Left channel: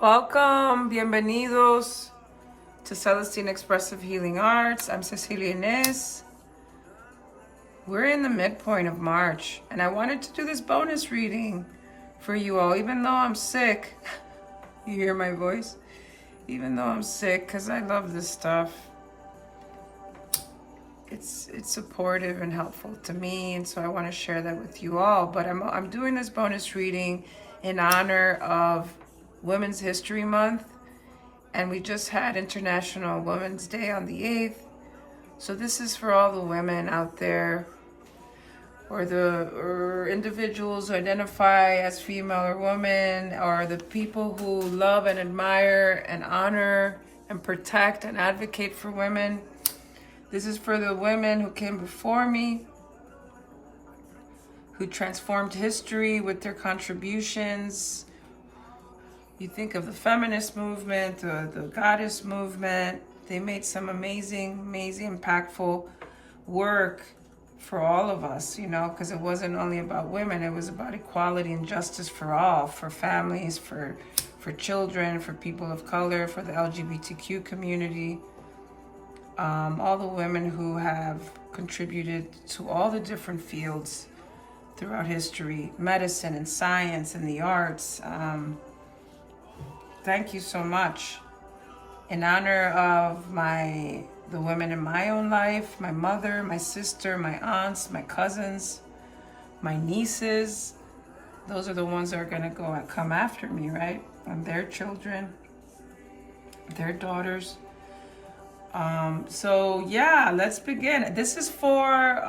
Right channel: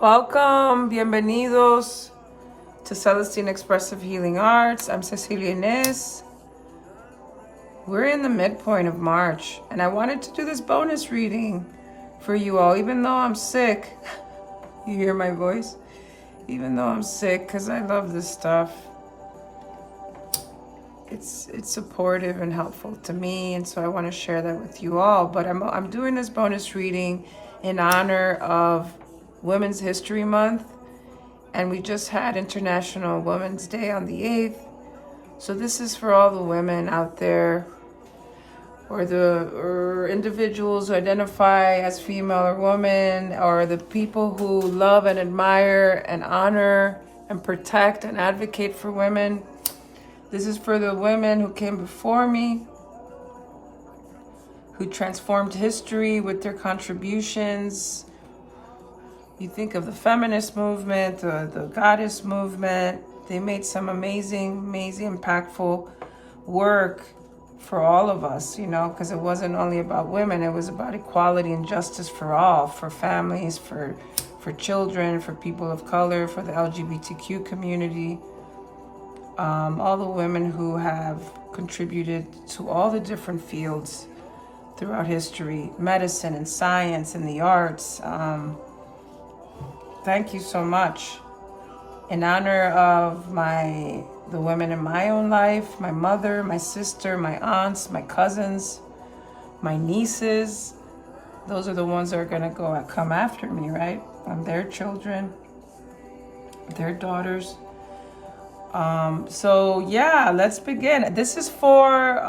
Welcome, bienvenidos to Celestine Expressive Healing Arts. I'm Cecilia Inez. We're in the midpoint of March, and I wanted to do this bonus reading for you all, even though I'm sick. You hear my voice? Even though I'm sick, because I love this stuff. It's supportive and helpful to me, and so I want to share that with you all. But I'm doing this bonus reading in honor of Women's History Month, and we just had International Women's Day on the 8th. So this is for all the women out there, or individuals who identify as female or woman, or the people who love and admire and honor and protect and advocate for women. This is for the women who came before me, who transformed history with their contributions. You think of the feminist movement, the goddess movement. They made some amazing, impactful work for all of us, because it wasn't only about women. It was about equality and justice for all, for families, for children, for people of color, for the LGBTQ community. All the women who have contributed to all the different fields throughout history, medicine and science and the arts. Thank you so much. In honor of the women in my own life, my mother, my sister, my aunts, my cousins, my nieces. Those are the ones that are going to come after me, right? And their children, their daughters. So yeah, let's begin. This is for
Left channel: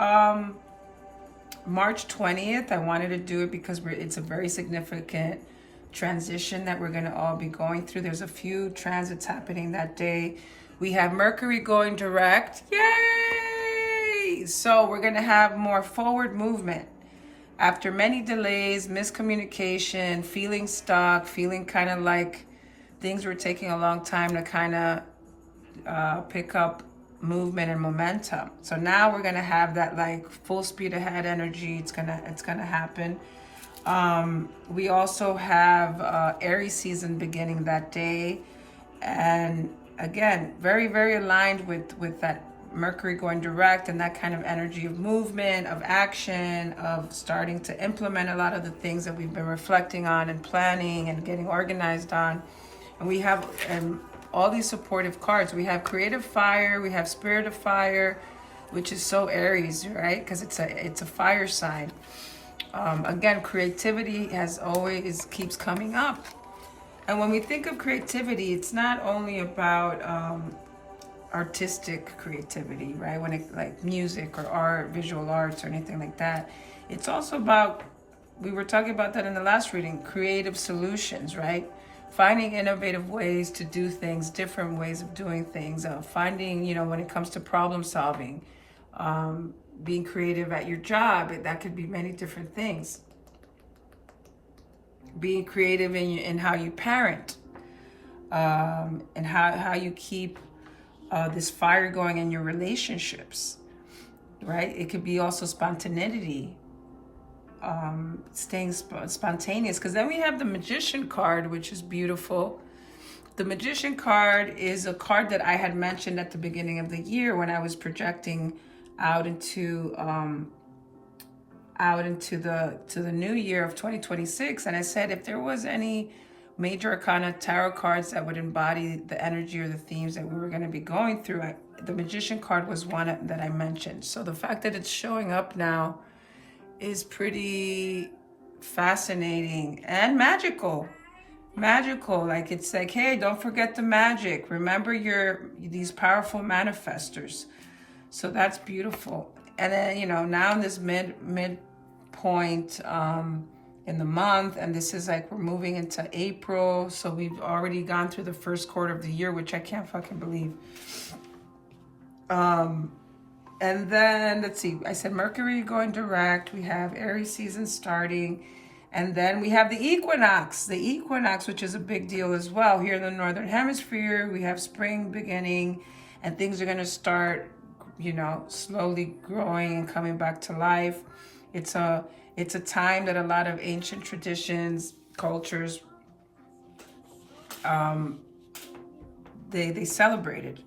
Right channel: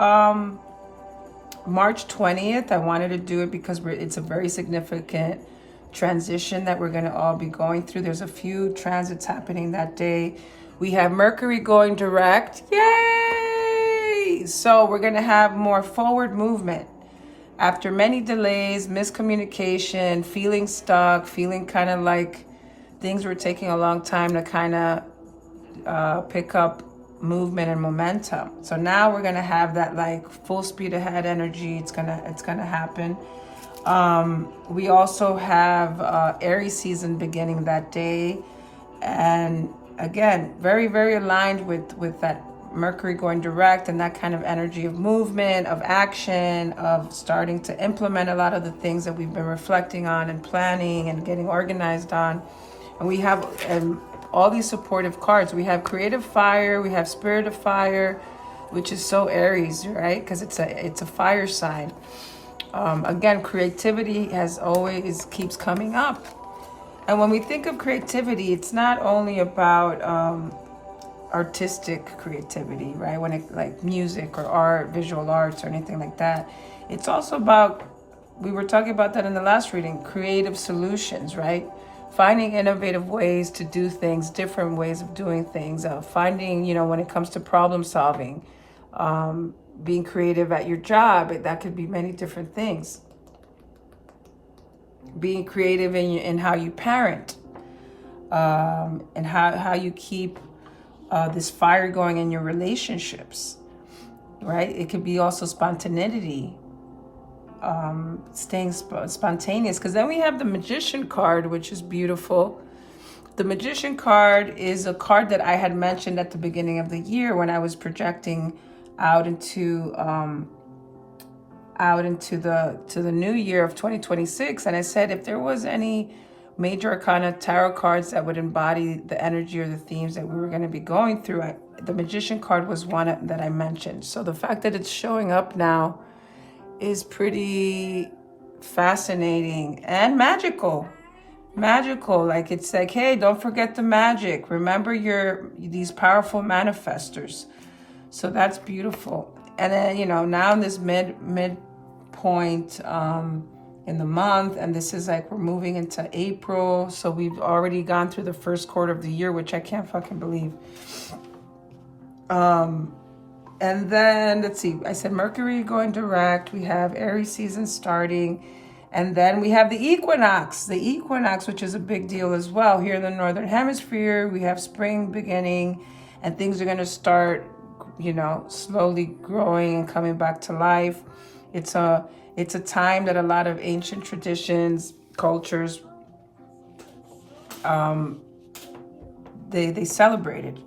March 20th. I wanted to do it because it's a very significant transition that we're going to all be going through. There's a few transits happening that day. We have Mercury going direct. Yay! So we're going to have more forward movement. After many delays, miscommunication, feeling stuck, feeling kind of like things were taking a long time to kind of pick up movement and momentum. So now we're going to have that like full speed ahead energy. It's going to happen. We also have Aries season beginning that day, and again, very, very aligned with that Mercury going direct and that kind of energy of movement, of action, of starting to implement a lot of the things that we've been reflecting on and planning and getting organized on. And we have all these supportive cards. We have Creative Fire, we have Spirit of Fire, which is so Aries, right? Because it's a fire sign. Again, creativity keeps coming up. And when we think of creativity, it's not only about artistic creativity, right? When it like music or art, visual arts or anything like that. It's also about, we were talking about that in the last reading, creative solutions, right? Finding innovative ways to do things, different ways of doing things, finding, when it comes to problem solving, being creative at your job, that could be many different things. Being creative in how you parent, and how you keep this fire going in your relationships, right? It could be also spontaneity, staying spontaneous, because then we have the Magician card, which is beautiful. The Magician card is a card that I had mentioned at the beginning of the year when I was projecting out into the new year of 2026, and I said if there was any major arcana tarot cards that would embody the energy or the themes that we were going to be going through, the Magician card was one that I mentioned. So the fact that it's showing up now is pretty fascinating and magical. Like it's like, hey, don't forget the magic. Remember these powerful manifestors. So that's beautiful. And then, now in this midpoint in the month, and this is like we're moving into April. So we've already gone through the first quarter of the year, which I can't fucking believe. And then, let's see, I said Mercury going direct. We have Aries season starting. And then we have the Equinox, which is a big deal as well. Here in the Northern Hemisphere, we have spring beginning, and things are going to start slowly growing and coming back to life. It's a time that a lot of ancient traditions, cultures they celebrated.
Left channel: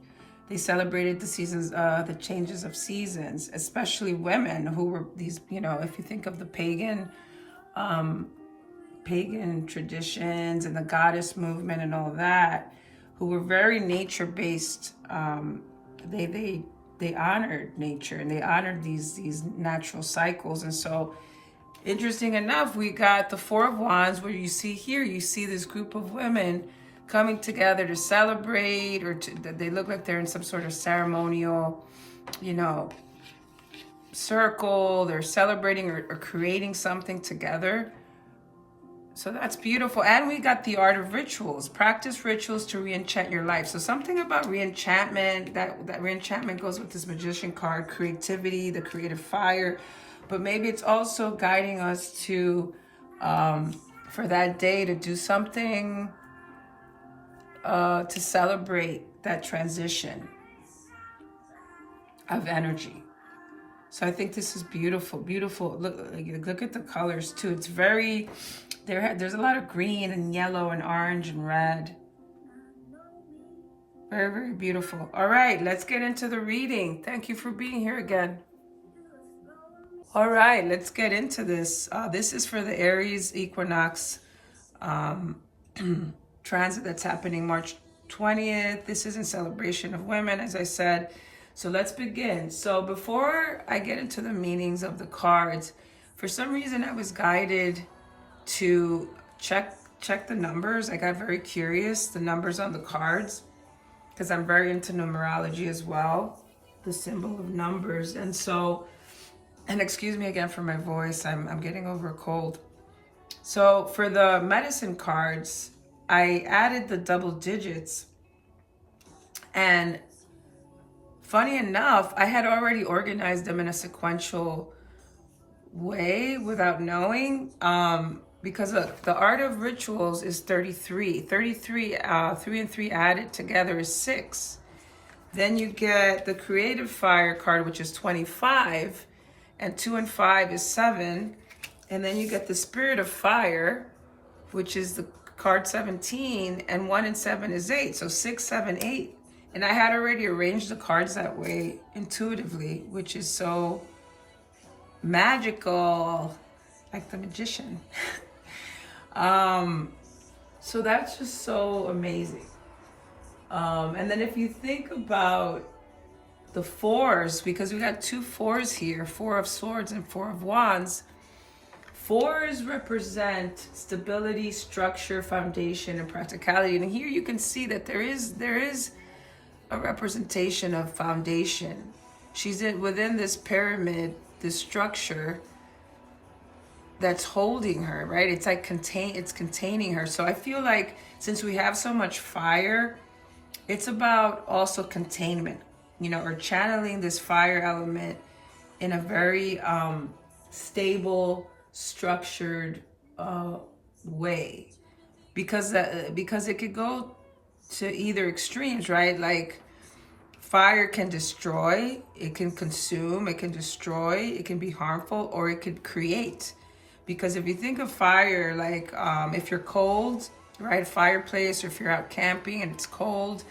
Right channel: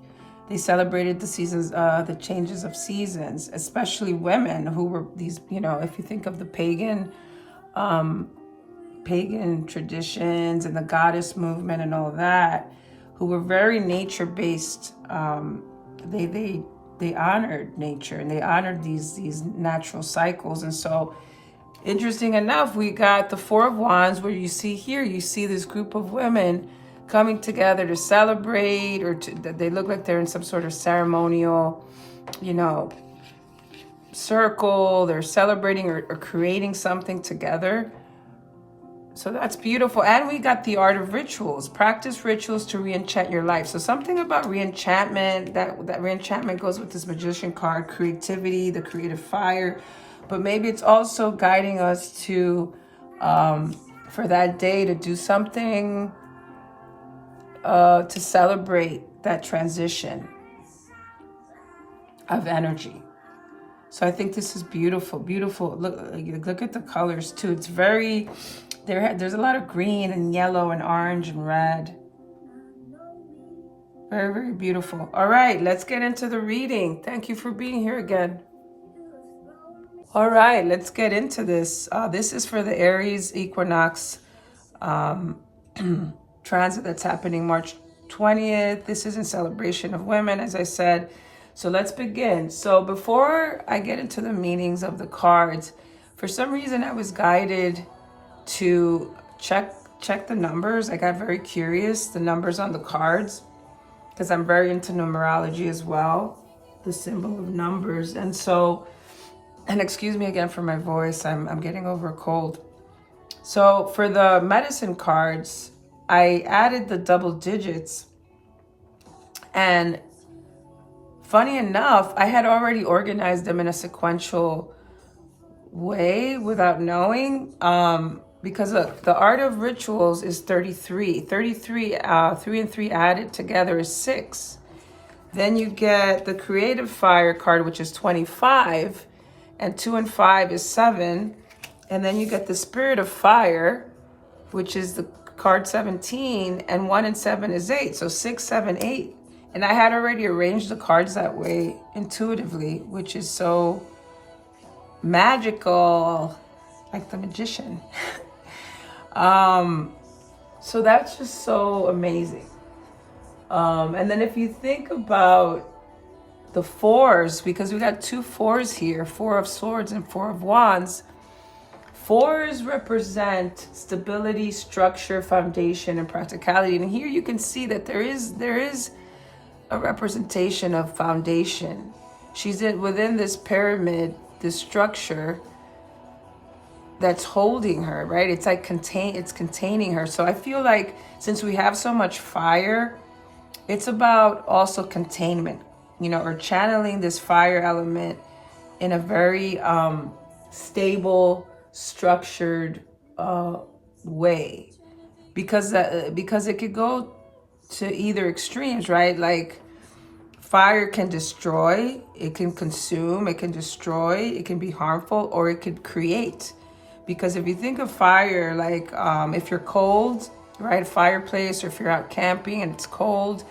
They celebrated the seasons, the changes of seasons, especially women who were these, you know, if you think of the pagan traditions and the goddess movement and all that, who were very nature-based. They honored nature and they honored these natural cycles. And so, interesting enough, we got the Four of Wands, where you see here, you see this group of women coming together to celebrate, or they look like they're in some sort of ceremonial, you know, circle. They're celebrating or creating something together. So that's beautiful. And we got the art of rituals. Practice rituals to re-enchant your life. So something about re-enchantment, that re-enchantment goes with this magician card, creativity, the creative fire. But maybe it's also guiding us to, for that day, to do something to celebrate that transition of energy. So I think this is beautiful, beautiful. Look at the colors too. It's very, there's a lot of green and yellow and orange and red. Very, very beautiful. All right, let's get into the reading. Thank you for being here again. All right, let's get into this. This is for the Aries Equinox transit that's happening March 20th. This is in celebration of women, as I said. So let's begin. So before I get into the meanings of the cards, for some reason I was guided to check the numbers. I got very curious, the numbers on the cards, because I'm very into numerology as well, the symbol of numbers. And so, and excuse me again for my voice, I'm getting over a cold. So for the medicine cards, I added the double digits, and funny enough, I had already organized them in a sequential way without knowing, because the art of rituals is 33. 33, 3 and 3 added together is 6. Then you get the creative fire card, which is 25, and 2 and 5 is 7. And then you get the spirit of fire, which is the card 17, and 1 and 7 is 8. So 6, 7, 8. And I had already arranged the cards that way intuitively, which is so magical, like the magician. So that's just so amazing. And then if you think about the fours, because we got 2 fours here, 4 of swords and 4 of wands. Fours represent stability, structure, foundation, and practicality. And here you can see that there is a representation of foundation. She's within this pyramid, this structure that's holding her, right? It's like it's containing her. So I feel like since we have so much fire, it's about also containment, you know, or channeling this fire element in a very stable, structured way, because it could go to either extremes, right? Like fire can destroy, it can consume, it can destroy, it can be harmful, or it could create. Because if you think of fire, like if you're cold, right, a fireplace, or if you're out camping and it's cold,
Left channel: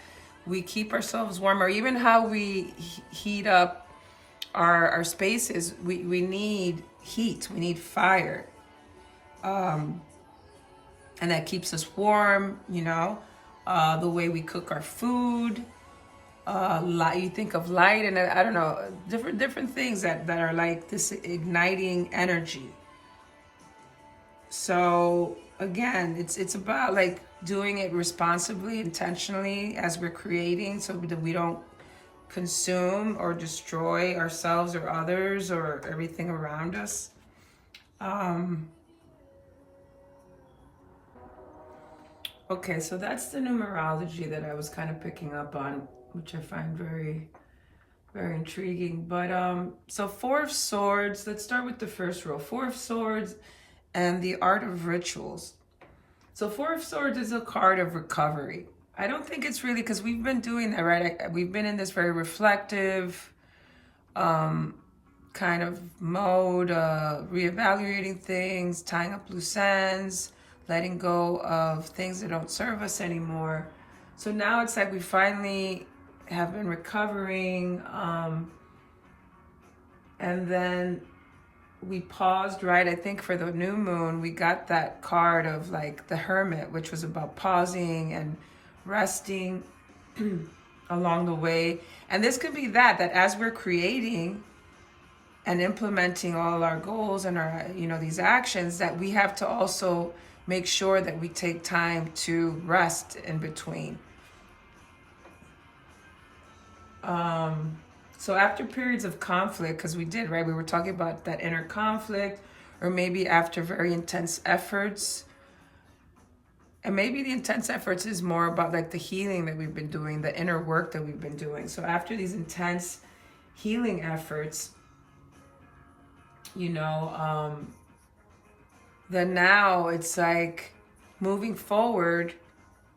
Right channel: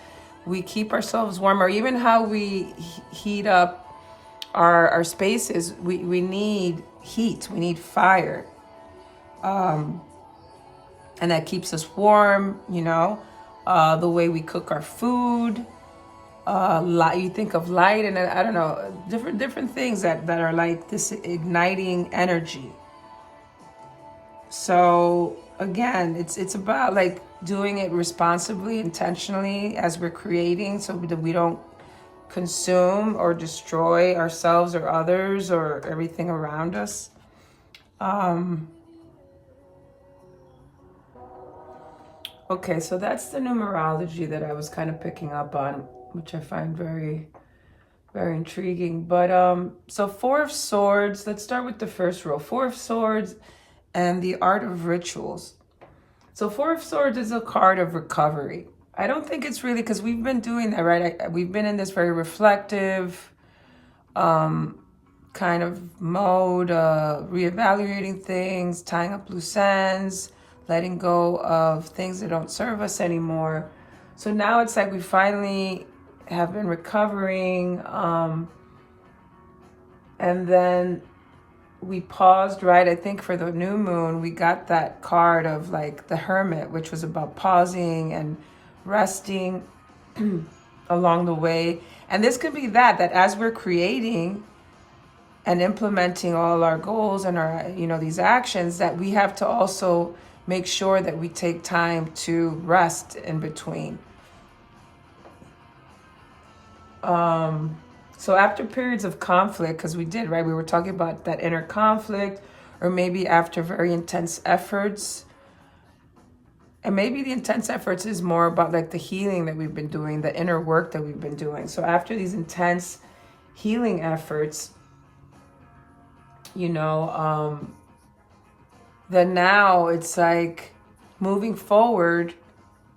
we keep ourselves warm, or even how we heat up our spaces, we need heat, we need fire, and that keeps us warm, you know. The way we cook our food, you think of light, and I don't know, different things that are like this igniting energy. So again, it's about like doing it responsibly, intentionally, as we're creating, so that we don't consume or destroy ourselves or others or everything around us. Okay, so that's the numerology that I was kind of picking up on, which I find very, very intriguing. But so 4 of Swords, let's start with the first row. 4 of Swords and the art of rituals. So 4 of Swords is a card of recovery. I don't think it's really, because we've been doing that, right? We've been in this very reflective kind of mode, reevaluating things, tying up loose ends, letting go of things that don't serve us anymore. So now it's like we finally have been recovering, and then we paused, right? I think for the new moon, we got that card of like the Hermit, which was about pausing and resting along the way. And this could be that as we're creating and implementing all our goals and our, these actions, that we have to also make sure that we take time to rest in between. So after periods of conflict, because we did, right? We were talking about that inner conflict, or maybe after very intense efforts. And maybe the intense efforts is more about like the healing that we've been doing, the inner work that we've been doing. So after these intense healing efforts, then now it's like moving forward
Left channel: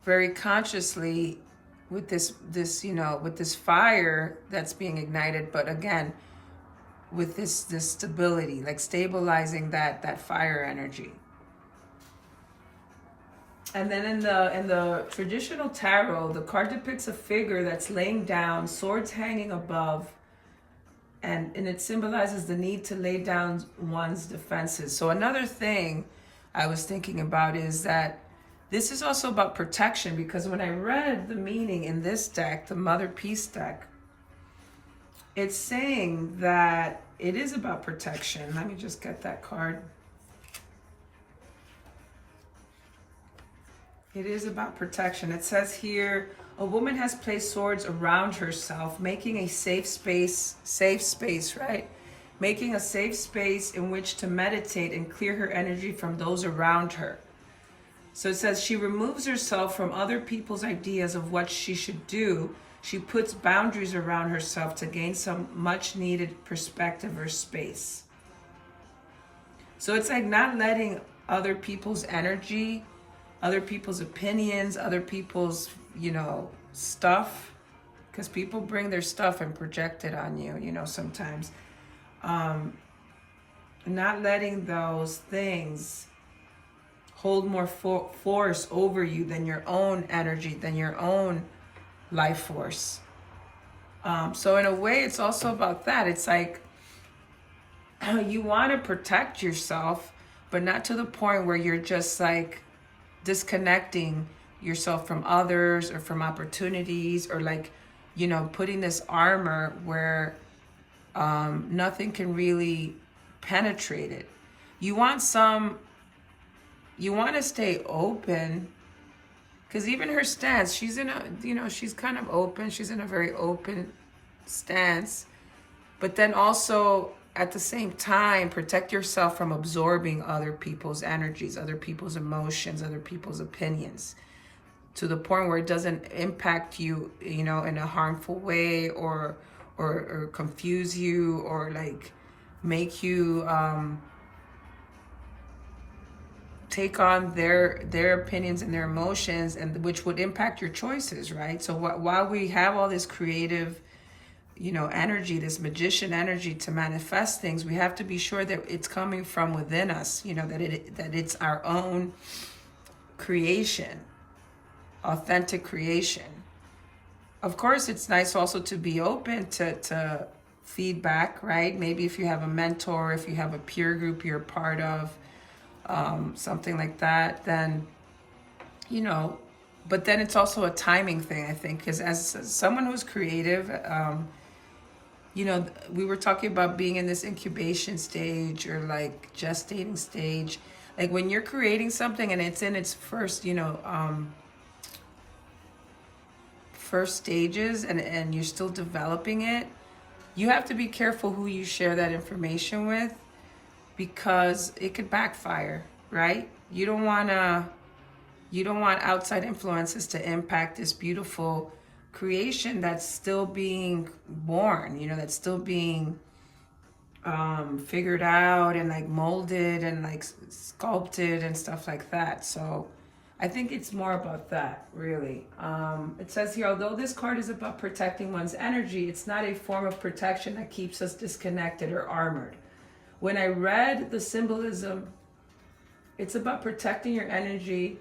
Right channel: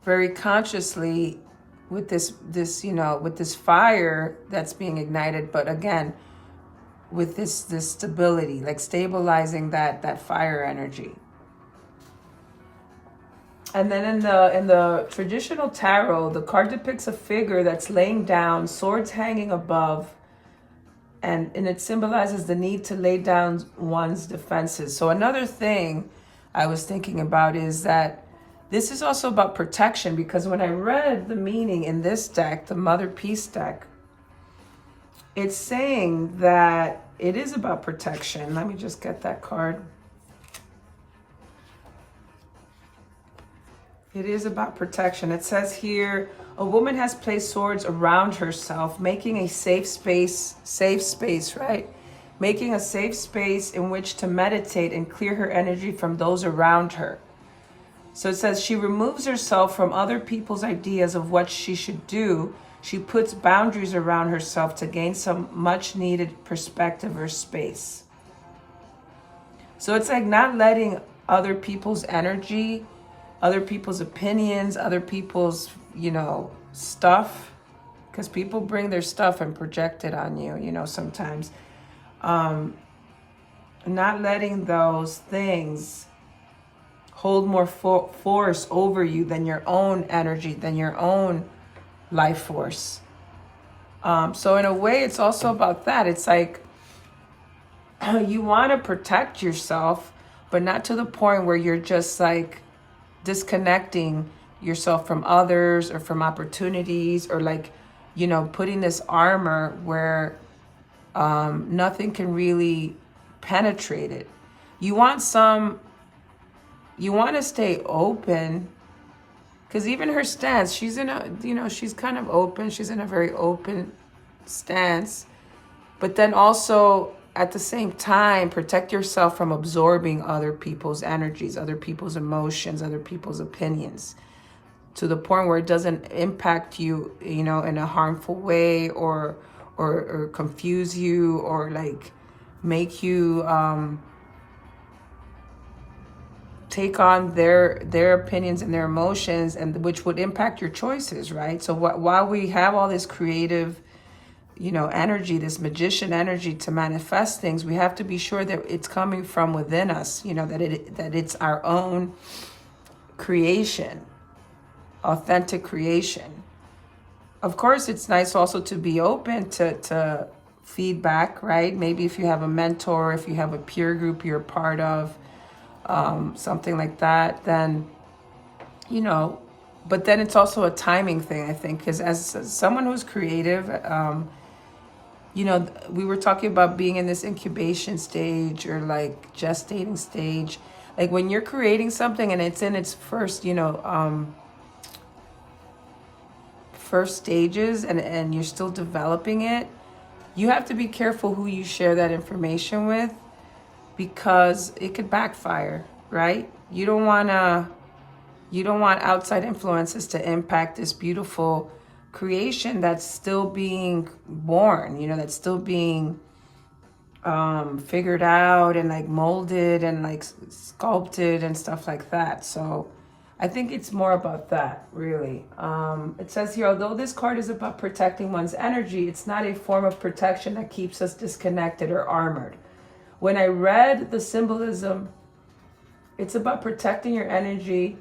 very consciously with this with this fire that's being ignited, but again, with this stability, like stabilizing that fire energy. And then in the traditional tarot, the card depicts a figure that's laying down, swords hanging above, and it symbolizes the need to lay down one's defenses. So another thing I was thinking about is that this is also about protection, because when I read the meaning in this deck, the Mother Peace deck, it's saying that it is about protection. Let me just get that card. It is about protection. It says here, a woman has placed swords around herself, making a safe space, right? Making a safe space in which to meditate and clear her energy from those around her. So it says she removes herself from other people's ideas of what she should do. She puts boundaries around herself to gain some much needed perspective or space. So it's like not letting other people's energy, other people's opinions, other people's, stuff, because people bring their stuff and project it on you, sometimes. Not letting those things hold more force over you than your own energy, than your own life force. So in a way, it's also about that. It's like you want to protect yourself, but not to the point where you're just like disconnecting yourself from others or from opportunities, or like, putting this armor where nothing can really penetrate it. You want to stay open, because even her stance, she's in a, she's kind of open. She's in a very open stance, but then also at the same time, protect yourself from absorbing other people's energies, other people's emotions, other people's opinions, to the point where it doesn't impact you, in a harmful way, or confuse you, or like make you take on their opinions and their emotions, and which would impact your choices, right? So while we have all this creative, energy, this magician energy to manifest things, we have to be sure that it's coming from within us, that it's our own creation, authentic creation. Of course, it's nice also to be open to feedback, right? Maybe if you have a mentor, if you have a peer group you're part of, something like that, then, but then it's also a timing thing, I think, because as someone who's creative, we were talking about being in this incubation stage, or like gestating stage. Like when you're creating something and it's in its first, first stages, and you're still developing it, you have to be careful who you share that information with, because it could backfire, right? You don't want outside influences to impact this beautiful creation that's still being born, that's still being figured out and like molded and like sculpted and stuff like that. So I think it's more about that, really. It says here, although this card is about protecting one's energy, it's not a form of protection that keeps us disconnected or armored. When I read the symbolism, It's about protecting your energy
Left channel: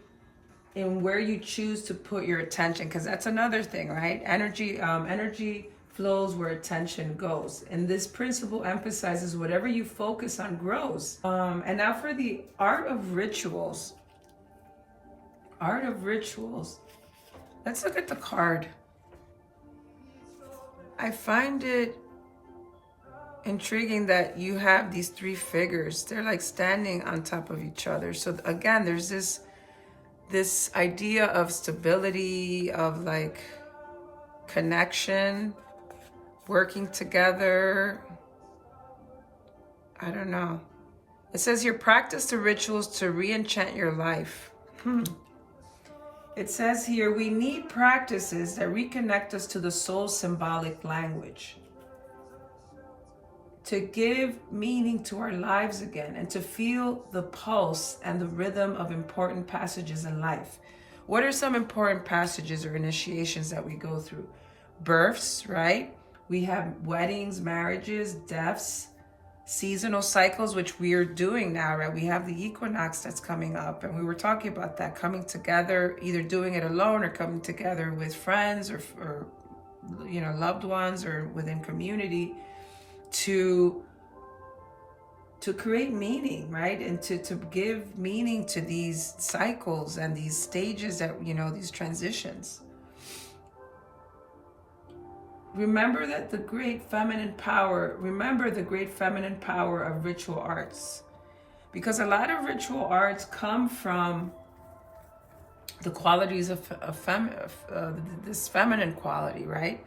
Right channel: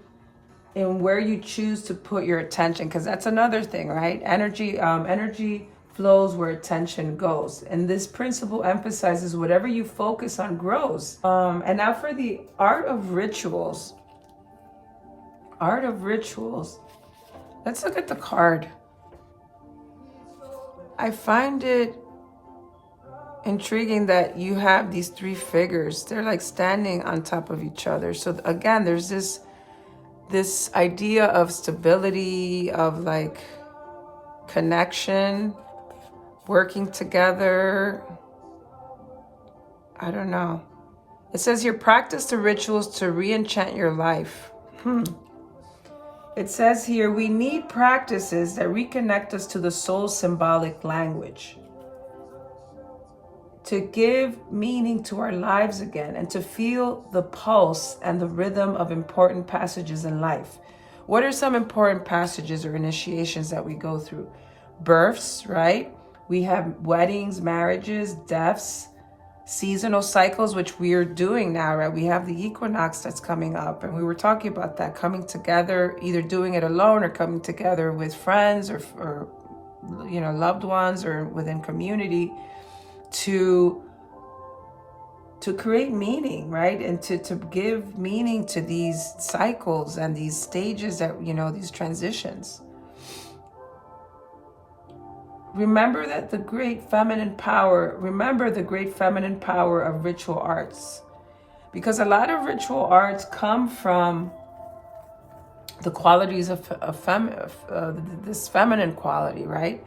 and where you choose to put your attention, because that's another thing, right? Energy flows where attention goes, and this principle emphasizes whatever you focus on grows. And now for the art of rituals. Art of rituals. Let's look at the card. I find it intriguing that you have these three figures. They're like standing on top of each other. So again, there's this idea of stability, of like connection, working together. I don't know. It says here, practice the rituals to re-enchant your life. It says here, we need practices that reconnect us to the soul's symbolic language, to give meaning to our lives again, and to feel the pulse and the rhythm of important passages in life. What are some important passages or initiations that we go through? Births, right? We have weddings, marriages, deaths, seasonal cycles, which we are doing now, right? We have the equinox that's coming up, and we were talking about that, coming together, either doing it alone or coming together with friends or you know, loved ones or within community to create meaning, right? And to give meaning to these cycles and these stages that, you know, these transitions. Remember the great feminine power of ritual arts, because a lot of ritual arts come from the qualities of this feminine quality, right?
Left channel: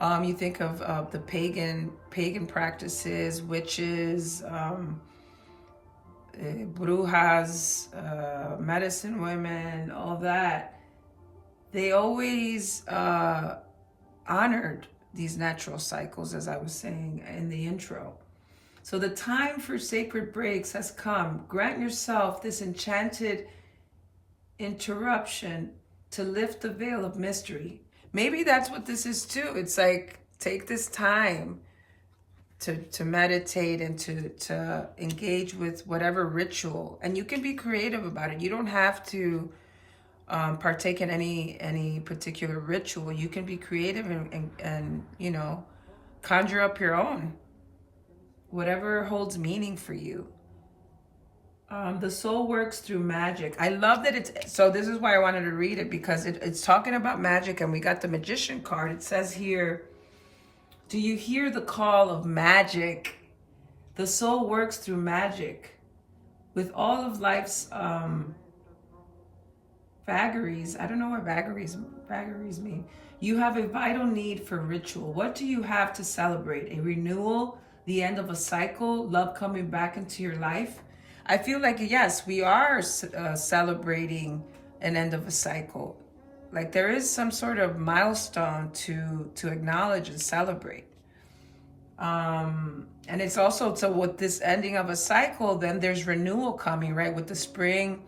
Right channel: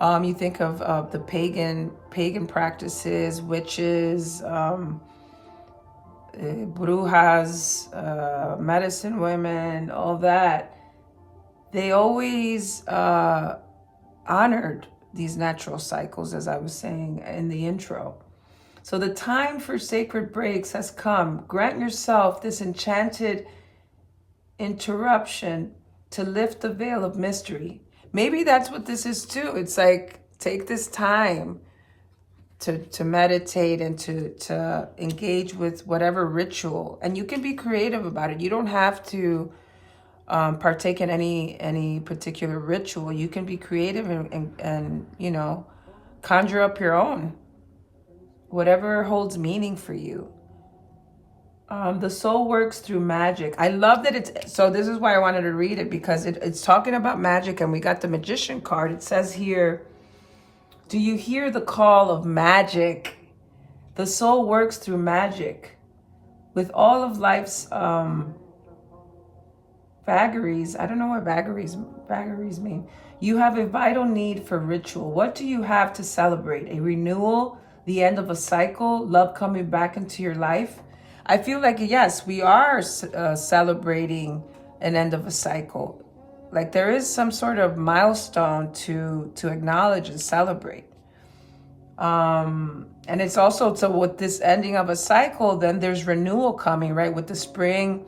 You think of the pagan practices, witches, brujas, medicine women, all that. They always honored these natural cycles, as I was saying in the intro. So the time for sacred breaks has come. Grant yourself this enchanted interruption to lift the veil of mystery. Maybe that's what this is too. It's like, take this time to meditate and to engage with whatever ritual. And you can be creative about it. You don't have to partake in any particular ritual. You can be creative and you know, conjure up your own, whatever holds meaning for you. The soul works through magic. I love that it's, so this is why I wanted to read it, because it's talking about magic, and we got the magician card. It says here, do you hear the call of magic? The soul works through magic. With all of life's vagaries, I don't know what vagaries mean. You have a vital need for ritual. What do you have to celebrate? A renewal, the end of a cycle, love coming back into your life? I feel like, yes, we are celebrating an end of a cycle. Like there is some sort of milestone to acknowledge and celebrate. And it's also, so with this ending of a cycle, then there's renewal coming, right? With the spring,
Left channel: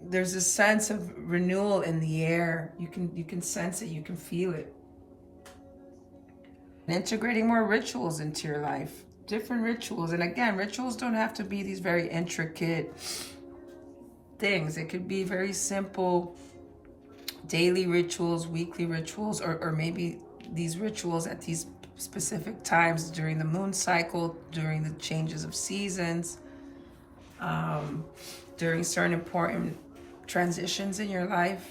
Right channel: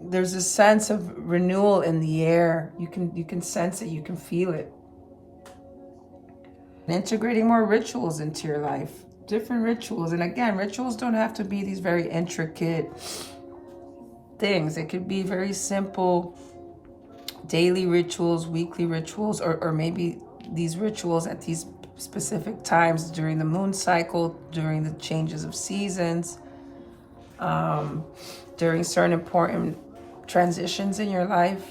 there's a sense of renewal in the air. You can sense it, you can feel it. And integrating more rituals into your life, different rituals. And again, rituals don't have to be these very intricate things. It could be very simple daily rituals, weekly rituals, or maybe these rituals at these specific times during the moon cycle, during the changes of seasons, during certain important transitions in your life.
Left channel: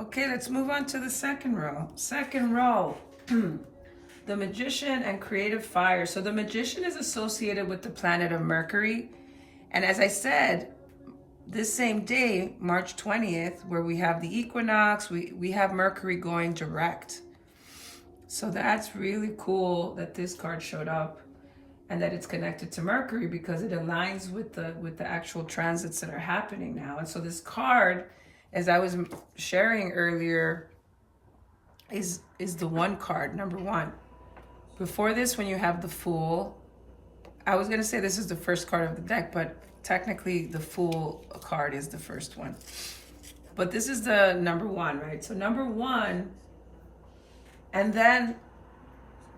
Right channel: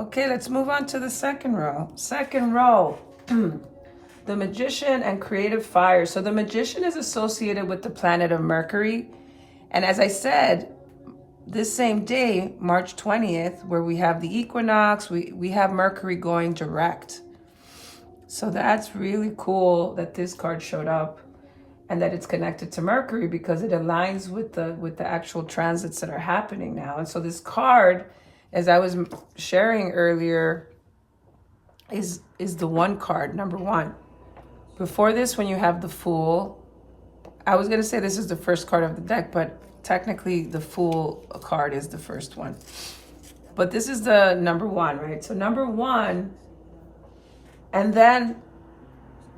Okay, let's move on to the second row. Second row, the magician and creative fire. So the magician is associated with the planet of Mercury. And as I said, this same day, March 20th, where we have the equinox, we have Mercury going direct. So that's really cool that this card showed up and that it's connected to Mercury, because it aligns with the actual transits that are happening now. And so this card, as I was sharing earlier, is the one card, number one. Before this, when you have the Fool, I was going to say this is the first card of the deck, but technically the Fool card is the first one. But this is the number one, right? So number one, and then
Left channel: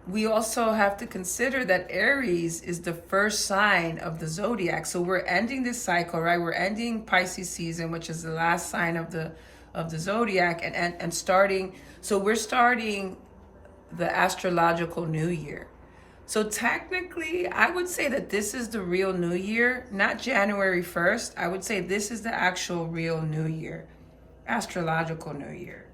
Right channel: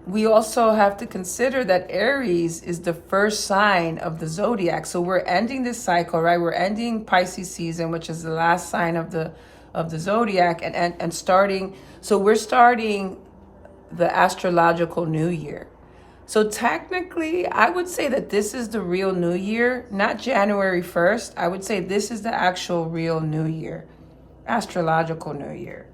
we also have to consider that Aries is the first sign of the zodiac. So we're ending this cycle, right? We're ending Pisces season, which is the last sign of the zodiac, and starting. So we're starting the astrological new year. So technically, I would say that this is the real new year, not January 1st. I would say this is the actual real new year, astrological new year.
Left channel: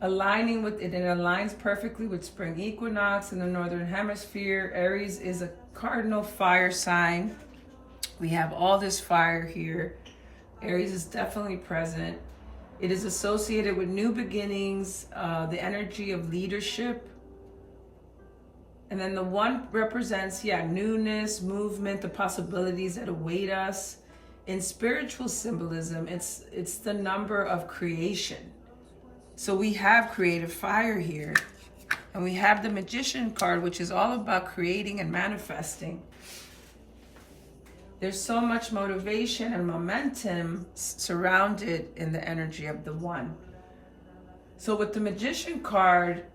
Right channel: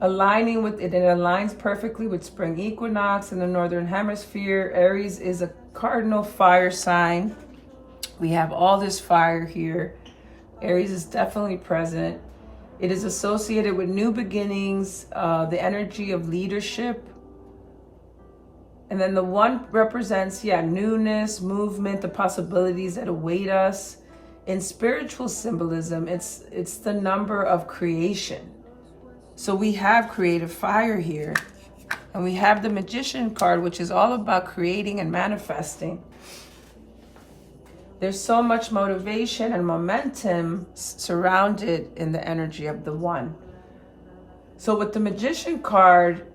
Aligning with it, it aligns perfectly with Spring Equinox in the Northern Hemisphere. Aries is a cardinal fire sign. We have all this fire here. Aries is definitely present. It is associated with new beginnings, the energy of leadership. And then the one represents, newness, movement, the possibilities that await us. In spiritual symbolism, it's the number of creation. So we have creative fire here. And we have the Magician card, which is all about creating and manifesting. There's so much motivation and momentum surrounded in the energy of the one. So with the Magician card,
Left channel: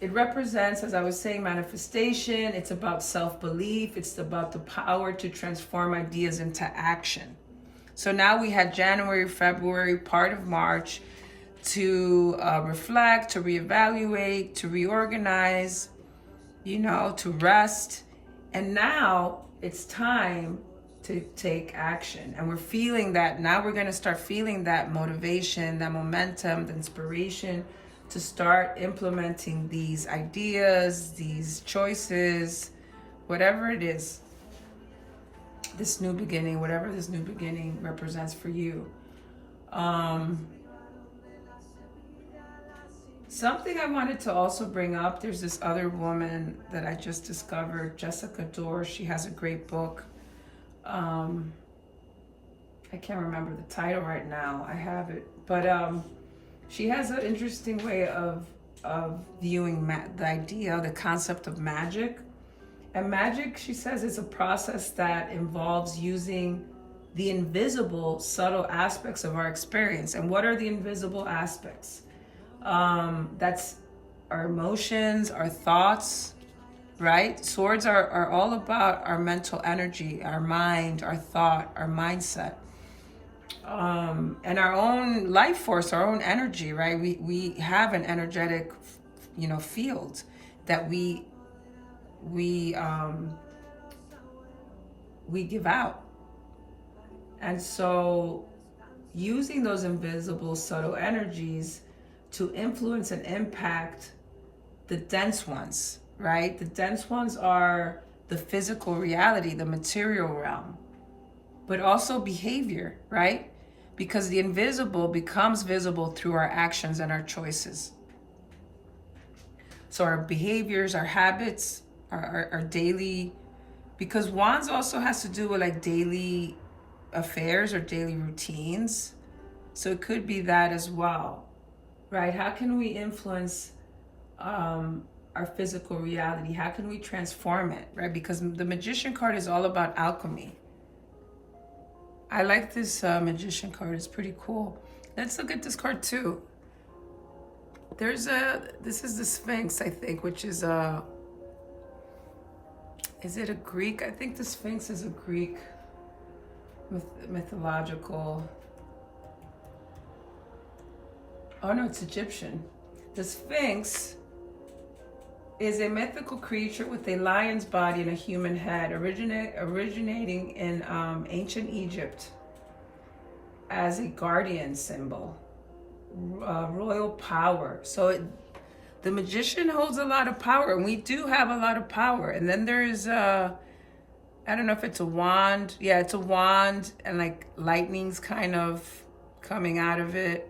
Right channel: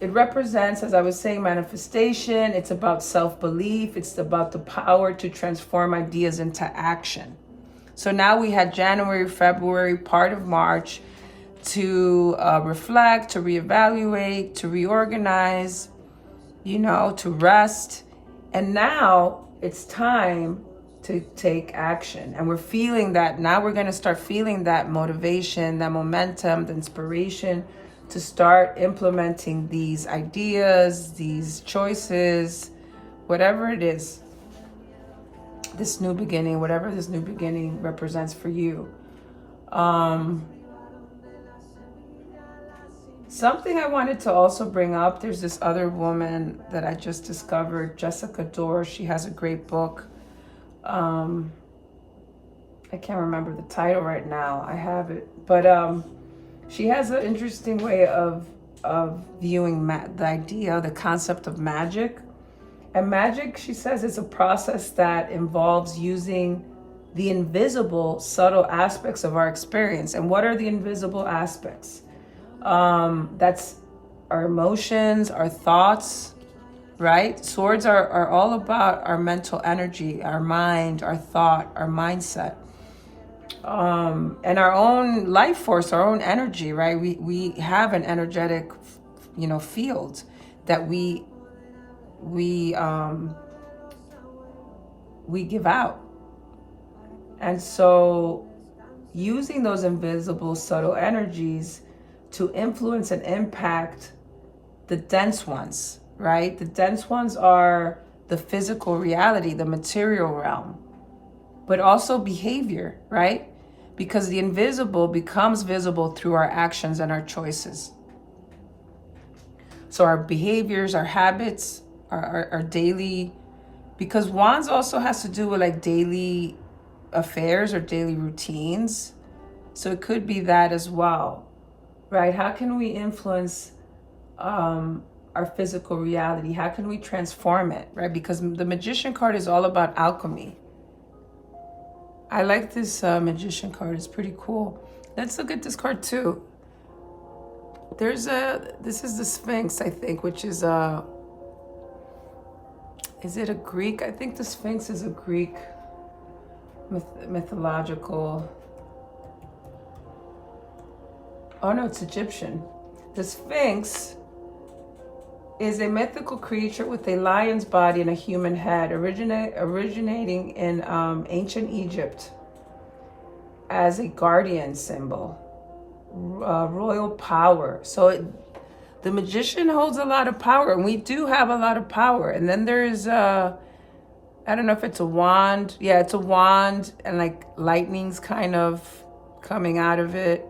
it represents, as I was saying, manifestation. It's about self-belief. It's about the power to transform ideas into action. So now we had January, February, part of March to reflect, to reevaluate, to reorganize, to rest. And now it's time to take action. And we're feeling that now. We're going to start feeling that motivation, that momentum, the inspiration to start implementing these ideas, these choices, whatever it is, this new beginning, whatever this new beginning represents for you. Something I wanted to also bring up, there's this other woman that I just discovered, Jessica Dore. She has a great book. I can't remember the title right now. I have it. But she has an interesting way of viewing the idea, the concept of magic. And magic, she says, is a process that involves using the invisible, subtle aspects of our experience. And what are the invisible aspects? That's our emotions, our thoughts, right? Swords are all about our mental energy, our mind, our thought, our mindset, and our own life force, our own energy, right? We have an energetic, field that we give out. And so using those invisible, subtle energies to influence and impact the dense ones, right? The dense ones are the physical reality, the material realm, but also behavior, right? Because the invisible becomes visible through our actions and our choices. So our behaviors, our habits, our daily, because wands also has to do with like daily affairs or daily routines. So it could be that as well, right? How can we influence our physical reality? How can we transform it, right? Because the Magician card is all about alchemy. I like this Magician card. It's pretty cool. Let's look at this card too. This is the Sphinx, I think, which is it a Greek? I think the Sphinx is a Greek mythological. Oh no, it's Egyptian. The Sphinx is a mythical creature with a lion's body and a human head, originating in ancient Egypt as a guardian symbol, royal power. So the magician holds a lot of power, and we do have a lot of power. And then there's I don't know if it's a wand. Yeah, it's a wand, and like lightning's kind of coming out of it.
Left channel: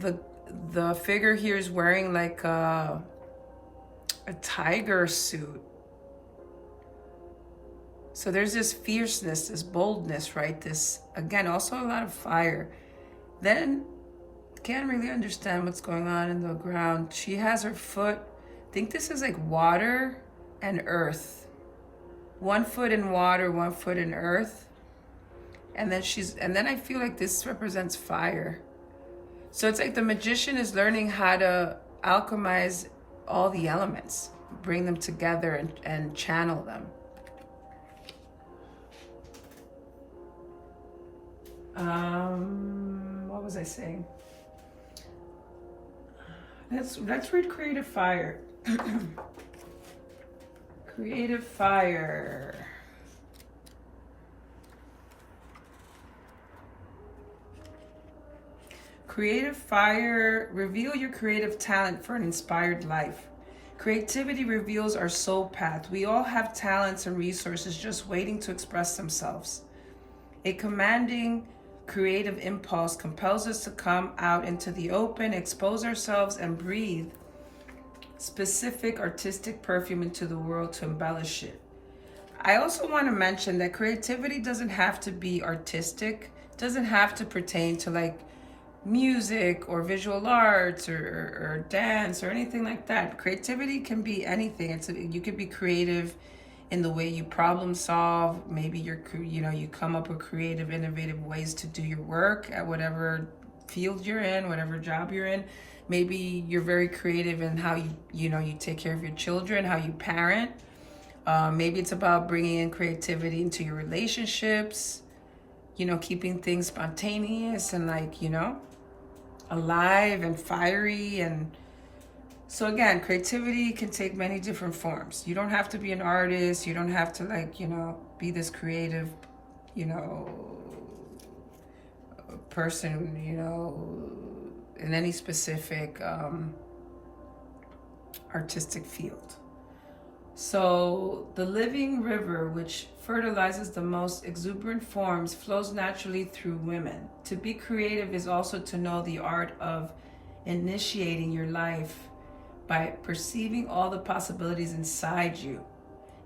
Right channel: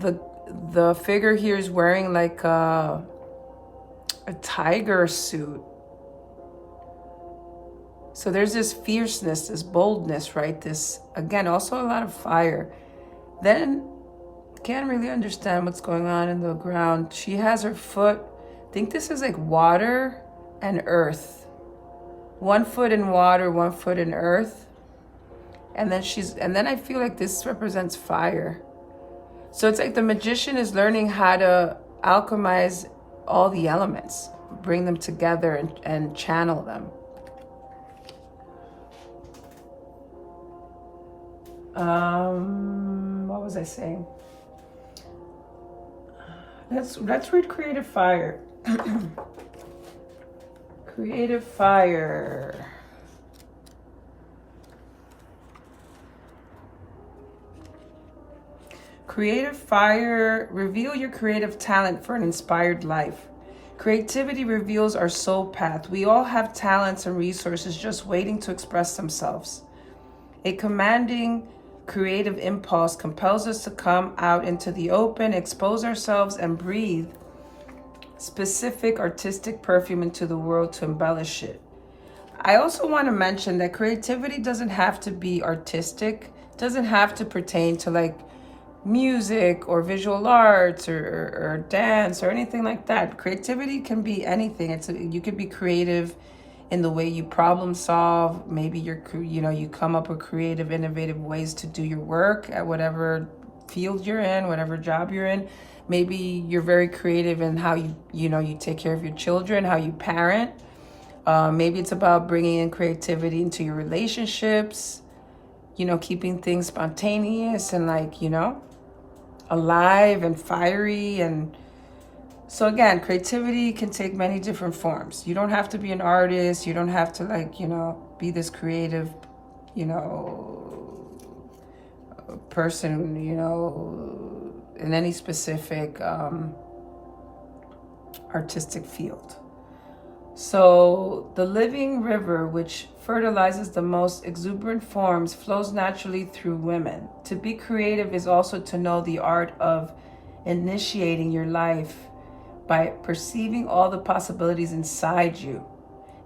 The figure here is wearing like a tiger suit. So there's this fierceness, this boldness, right? This, again, also a lot of fire. Then, can't really understand what's going on in the ground. She has her foot, I think this is like water and earth. 1 foot in water, 1 foot in earth. And then I feel like this represents fire. So it's like the magician is learning how to alchemize all the elements, bring them together and channel them. What was I saying? Let's read Creative Fire. Creative Fire. Creative Fire, reveal your creative talent for an inspired life. Creativity reveals our soul path. We all have talents and resources just waiting to express themselves. A commanding creative impulse compels us to come out into the open, expose ourselves, and breathe specific artistic perfume into the world to embellish it. I also want to mention that creativity doesn't have to be artistic, doesn't have to pertain to like music or visual arts or dance or anything like that. Creativity can be anything. You could be creative in the way you problem solve. Maybe you come up with creative, innovative ways to do your work at whatever field you're in, whatever job you're in. Maybe you're very creative in how you take care of your children, how you parent. Maybe it's about bringing in creativity into your relationships, keeping things spontaneous and alive and fiery. And so again, creativity can take many different forms. You don't have to be an artist. You don't have to be this creative, person, in any specific artistic field. So the living river, which fertilizes the most exuberant forms, flows naturally through women. To be creative is also to know the art of initiating your life by perceiving all the possibilities inside you.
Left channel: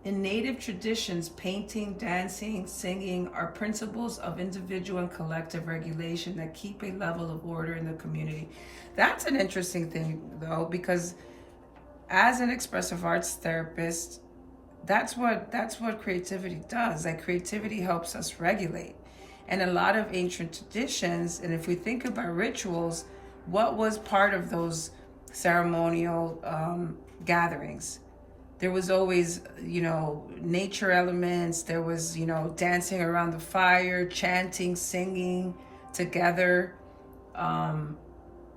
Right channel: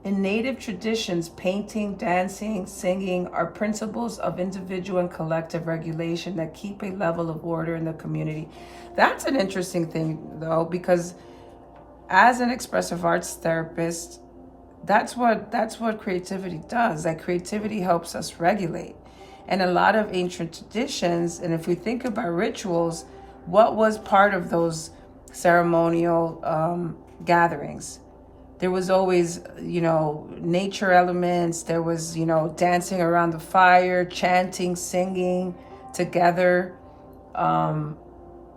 In native traditions, painting, dancing, singing are principles of individual and collective regulation that keep a level of order in the community. That's an interesting thing, though, because as an expressive arts therapist, that's what creativity does. That creativity helps us regulate. And a lot of ancient traditions, and if we think about rituals, what was part of those ceremonial gatherings? There was always, nature elements. There was, dancing around the fire, chanting, singing together.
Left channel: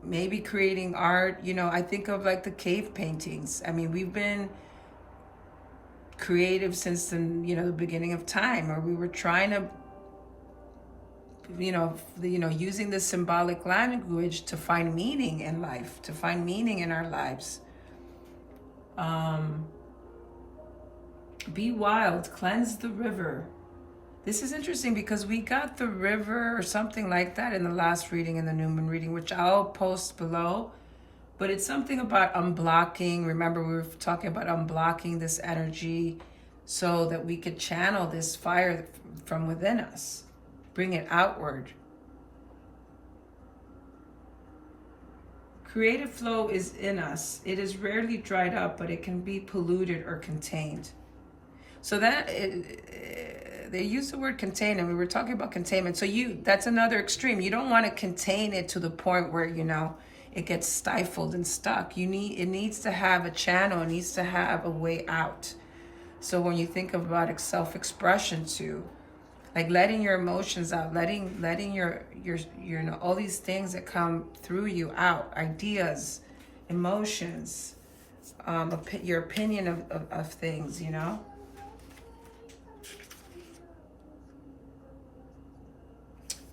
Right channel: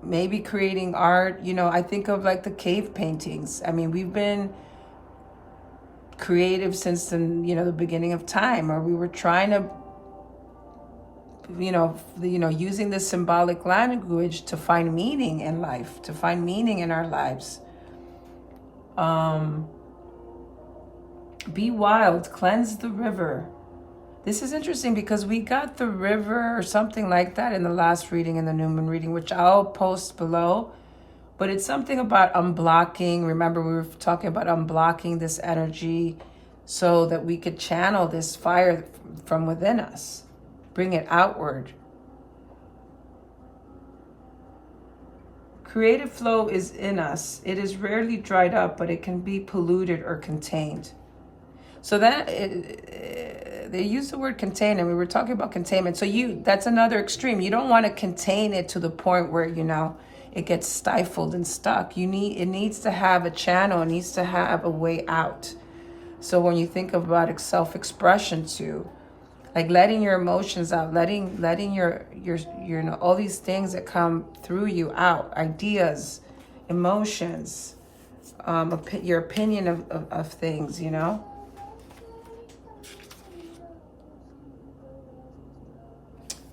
Maybe creating art. I think of the cave paintings. I mean, we've been creative since the beginning of time, or we were trying to using this symbolic language to find meaning in life, to find meaning in our lives. Be wild, cleanse the river. This is interesting because we got the river or something like that in the last reading, in the new moon reading, which I'll post below. But it's something about unblocking. Remember, we were talking about unblocking this energy so that we could channel this fire from within us, bring it outward. Creative flow is in us. It is rarely dried up, but it can be polluted or contained. So that they use the word contain, and we were talking about containment. So that's another extreme. You don't want to contain it to the point where it gets stifled and stuck. It needs to have a channel. It needs to have a way out. So when you think about self-expression too, like letting your emotions out, letting your all these things that come through you out, ideas, emotions, your opinion of things,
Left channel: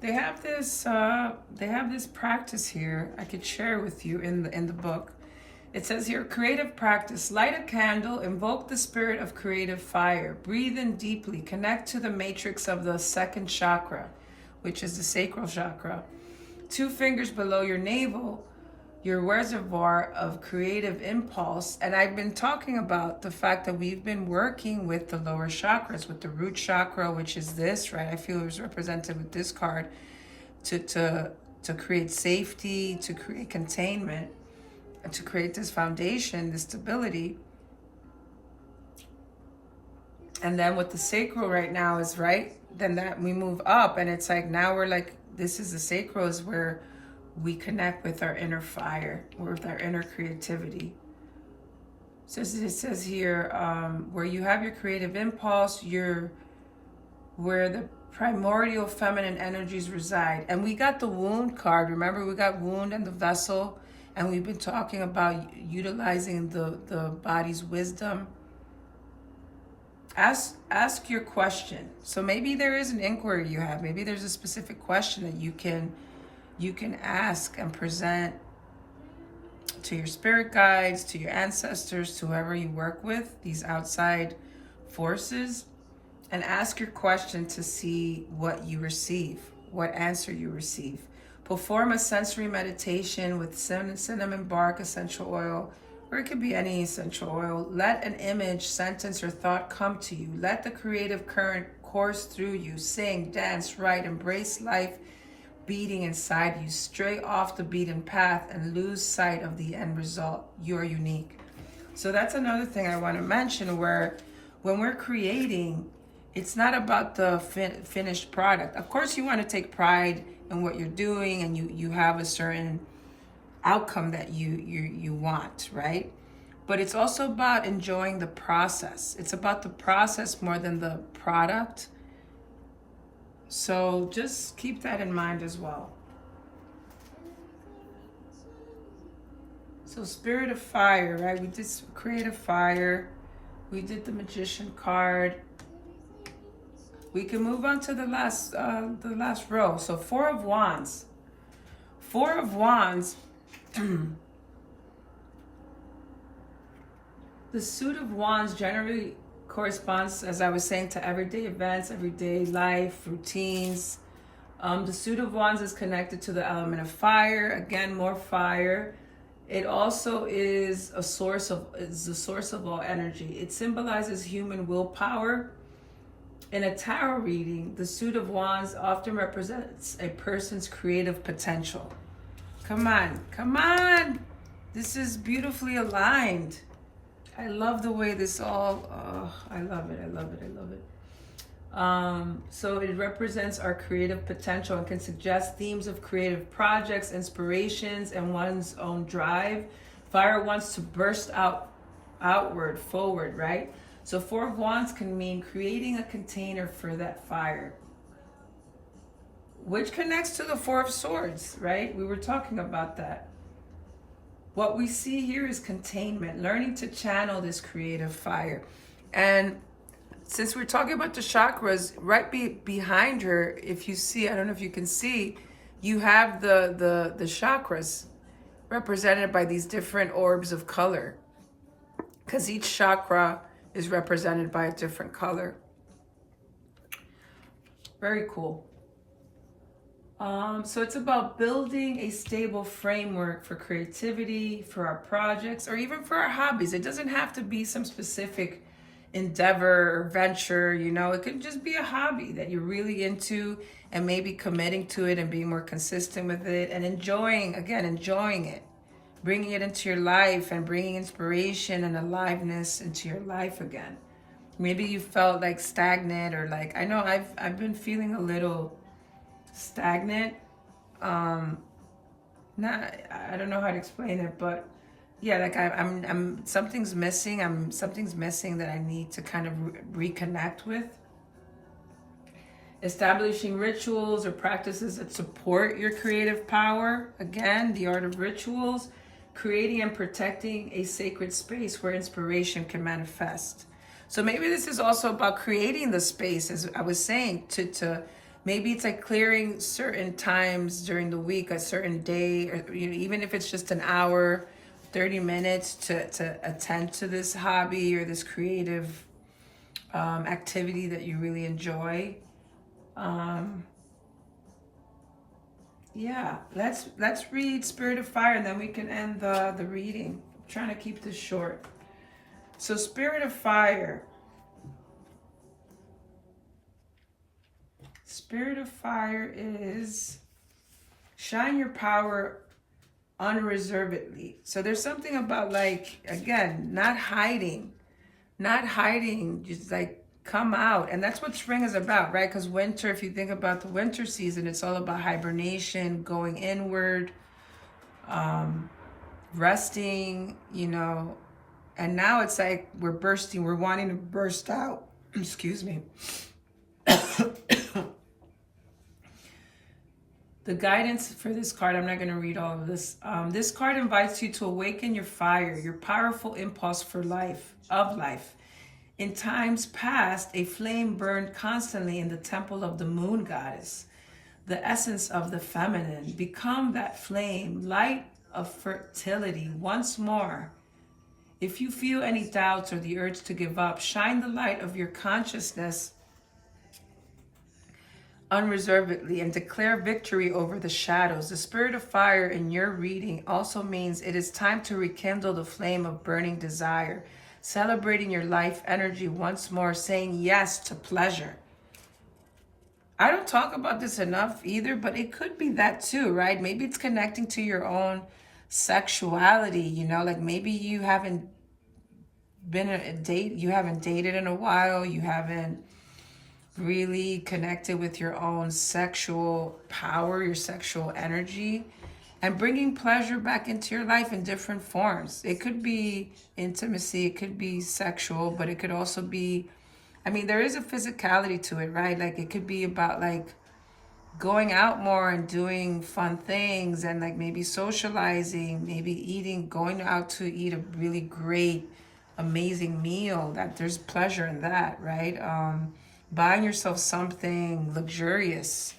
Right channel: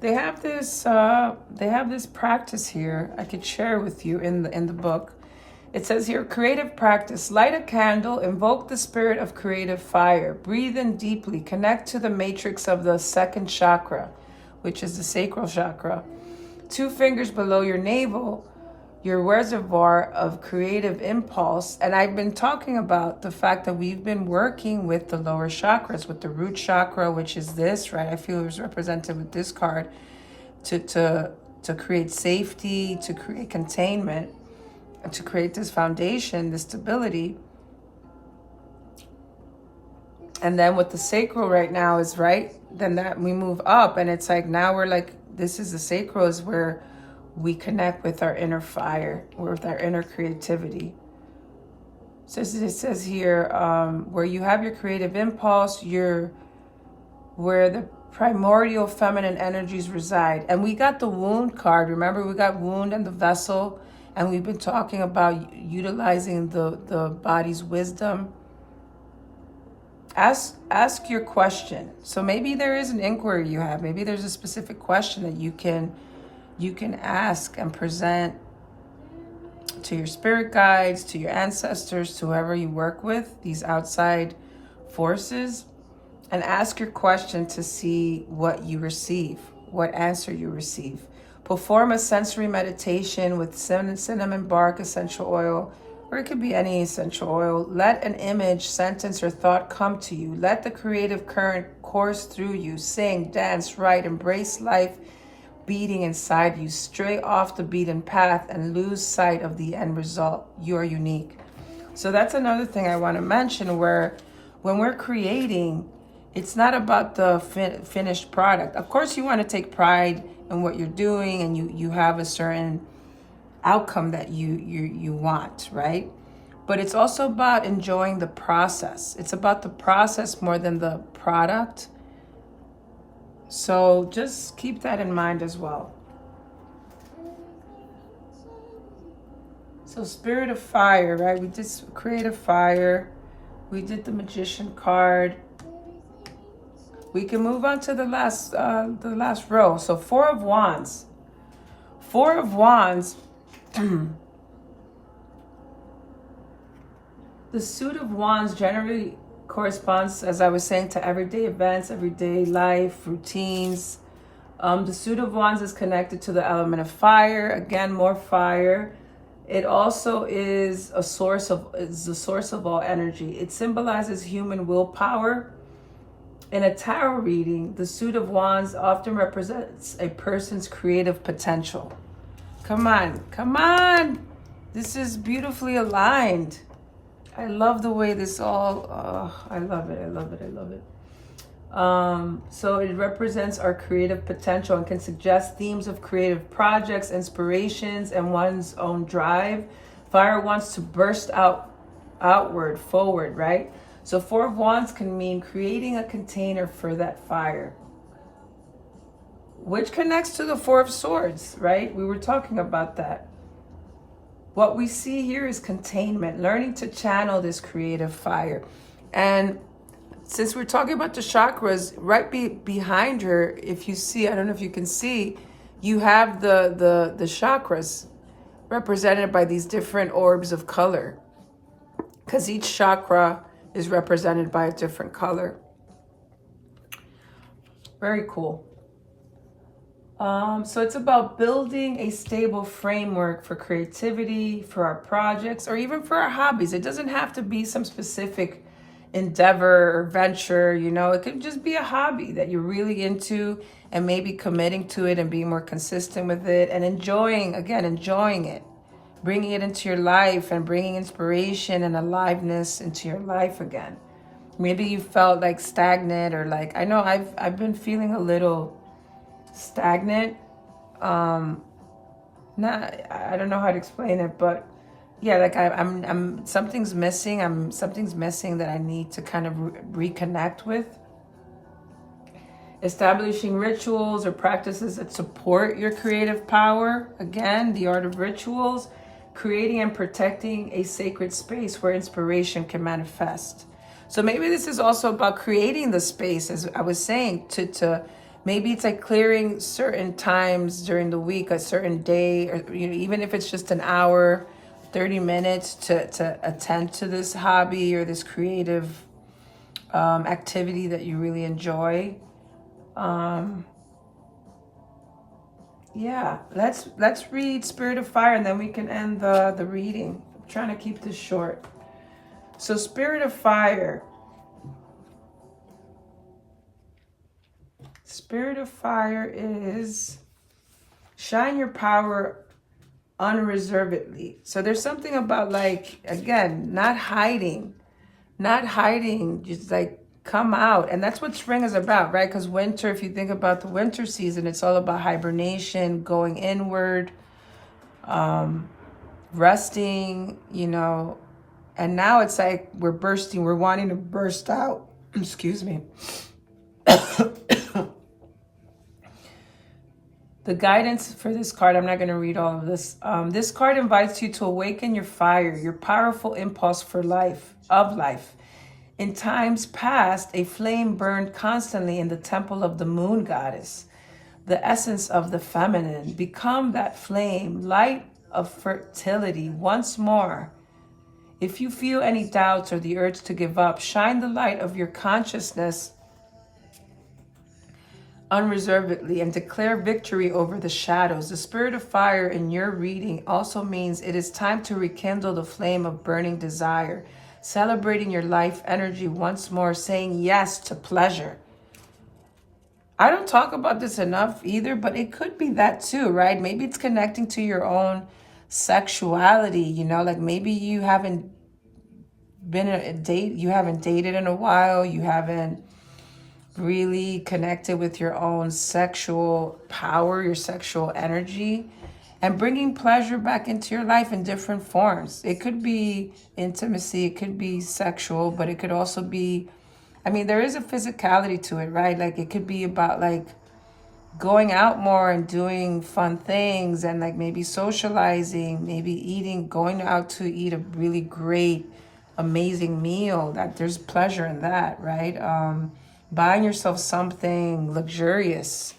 They have this practice here I could share with you in the book. It says here, creative practice. Light a candle, invoke the spirit of creative fire. Breathe in deeply, connect to the matrix of the second chakra, which is the sacral chakra. 2 fingers below your navel, your reservoir of creative impulse. And I've been talking about the fact that we've been working with the lower chakras, with the root chakra, which is this, right? I feel it was represented with this card, to create safety, to create containment, to create this foundation, this stability. And then with the sacral right now is right, then that we move up, and it's like now we're like, this is the sacral, is where we connect with our inner fire, with our inner creativity. So it says here, where you have your creative impulse, where the primordial feminine energies reside. And we got the wound card. Remember, we got wound and the vessel, and we've been talking about utilizing the body's wisdom. Ask your question. So maybe there is an inquiry you have. Maybe there's a specific question that you can ask and present to your spirit guides, to your ancestors, to whoever you work with, these outside forces, and ask your question to see what you receive, what answer you receive. Perform a sensory meditation with cinnamon bark essential oil, or it could be any essential oil. Let an image, sentence, or thought come to you. Let the creative current course through you. Sing, dance, write, embrace life beating inside you. Stray off the beaten path and lose sight of the end result. You're unique. So that's another thing I want to mention, where when we're creating, it's not about the finished product. Of course, you want to take pride in what you're doing, and you have a certain outcome that you want, right? But it's also about enjoying the process. It's about the process more than the product. So just keep that in mind as well. So Spirit of Fire, right? We did Creative Fire. We did the Magician card. We can move on to the last row. So Four of Wands. Four of Wands. The suit of Wands generally corresponds, as I was saying, to everyday events, everyday life, routines. The suit of Wands is connected to the element of fire. Again, more fire. It also is the source of all energy. It symbolizes human willpower. In a tarot reading, the suit of Wands often represents a person's creative potential. Come on, come on. This is beautifully aligned. I love the way this all, I love it, I love it, I love it. So it represents our creative potential and can suggest themes of creative projects, inspirations, and one's own drive. Fire wants to burst outward, forward, right? So Four of Wands can mean creating a container for that fire, which connects to the Four of Swords, right? We were talking about that. What we see here is containment, learning to channel this creative fire. And since we're talking about the chakras, right behind her, if you see, I don't know if you can see, you have the chakras represented by these different orbs of color, because each chakra is represented by a different color. Very cool. So it's about building a stable framework for creativity, for our projects, or even for our hobbies. It doesn't have to be some specific endeavor or venture, you know. It could just be a hobby that you're really into, and maybe committing to it and being more consistent with it and enjoying it, bringing it into your life and bringing inspiration and aliveness into your life again. Maybe you felt like stagnant, or like, I know I've been feeling a little stagnant. I don't know how to explain it, but yeah, like I'm something's missing. Something's missing that I need to kind of reconnect with. Establishing rituals or practices that support your creative power. Again, the art of rituals. Creating and protecting a sacred space where inspiration can manifest. So maybe this is also about creating the space, as I was saying, to maybe it's like clearing certain times during the week, a certain day, or even if it's just an hour, 30 minutes to attend to this hobby or this creative activity that you really enjoy. Yeah, let's read Spirit of Fire, and then we can end the reading. I'm trying to keep this short. So Spirit of Fire. Spirit of Fire is shine your power unreservedly. So there's something about, like, again, not hiding, just like come out. And that's what spring is about, right? Because winter, if you think about the winter season, it's all about hibernation, going inward, resting, you know, and now it's like we're bursting, we're wanting to burst out. Excuse me. The guidance for this card, I'm not going to read all of this. This card invites you to awaken your fire, your powerful impulse for life, of life. In times past, a flame burned constantly in the temple of the moon goddess, the essence of the feminine. Become that flame, light of fertility once more. If you feel any doubts or the urge to give up, shine the light of your consciousness unreservedly and declare victory over the shadows. The spirit of fire in your reading also means it is time to rekindle the flame of burning desire, celebrating your life energy once more, saying yes to pleasure. I don't talk about this enough either, but it could be that too, right? Maybe it's connecting to your own sexuality, you know, like maybe you haven't been a date, you haven't dated in a while, you haven't really connected with your own sexual power, your sexual energy, and bringing pleasure back into your life in different forms. It could be intimacy, it could be sexual, but it could also be, I mean, there is a physicality to it, right? Like it could be about like going out more and doing fun things and like maybe socializing, maybe eating, going out to eat a really great, amazing meal. That there's pleasure in that, right? Buying yourself something luxurious.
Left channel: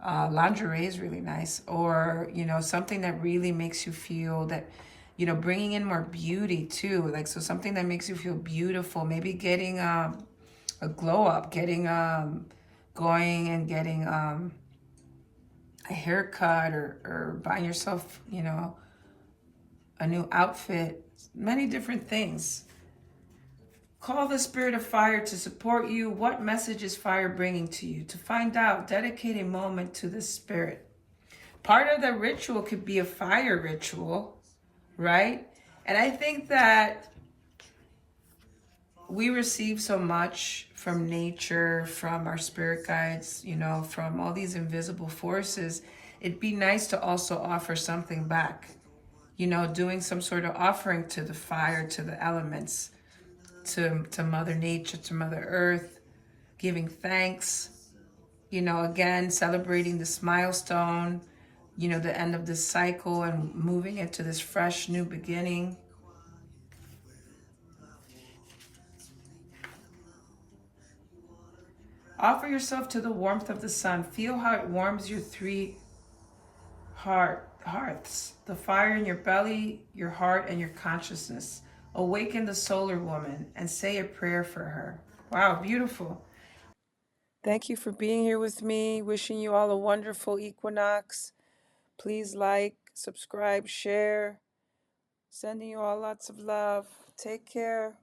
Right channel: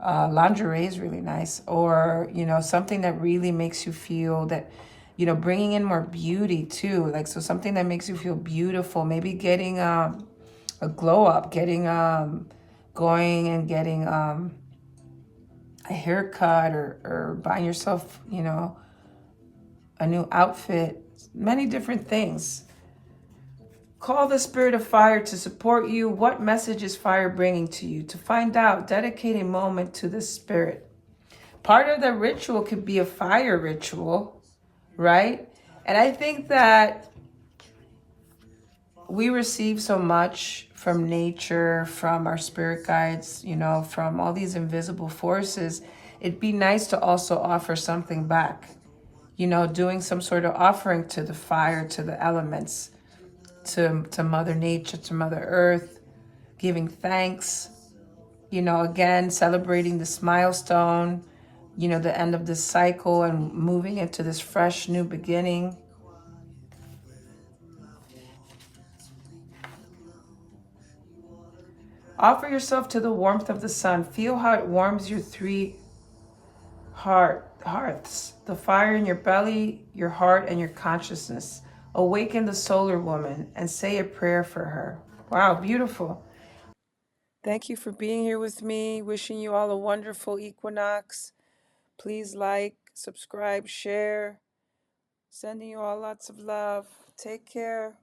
Lingerie is really nice, or you know, something that really makes you feel that, you know, bringing in more beauty too. Like, so something that makes you feel beautiful. Maybe getting a glow up, getting going and getting a haircut, or buying yourself, you know, a new outfit. Many different things. Call the spirit of fire to support you. What message is fire bringing to you? To find out, dedicate a moment to the spirit. Part of the ritual could be a fire ritual, right? And I think that we receive so much from nature, from our spirit guides, you know, from all these invisible forces. It'd be nice to also offer something back, you know, doing some sort of offering to the fire, to the elements, to Mother Nature, to Mother Earth, giving thanks, you know, again, celebrating this milestone, you know, the end of this cycle and moving into this fresh new beginning. Offer yourself to the warmth of the sun. Feel how it warms your three hearths, the fire in your belly, your heart, and your consciousness. Awaken the solar woman and say a prayer for her. Wow, beautiful. Thank you for being here with me. Wishing you all a wonderful equinox. Please like, subscribe, share. Sending you all lots of love. Take care.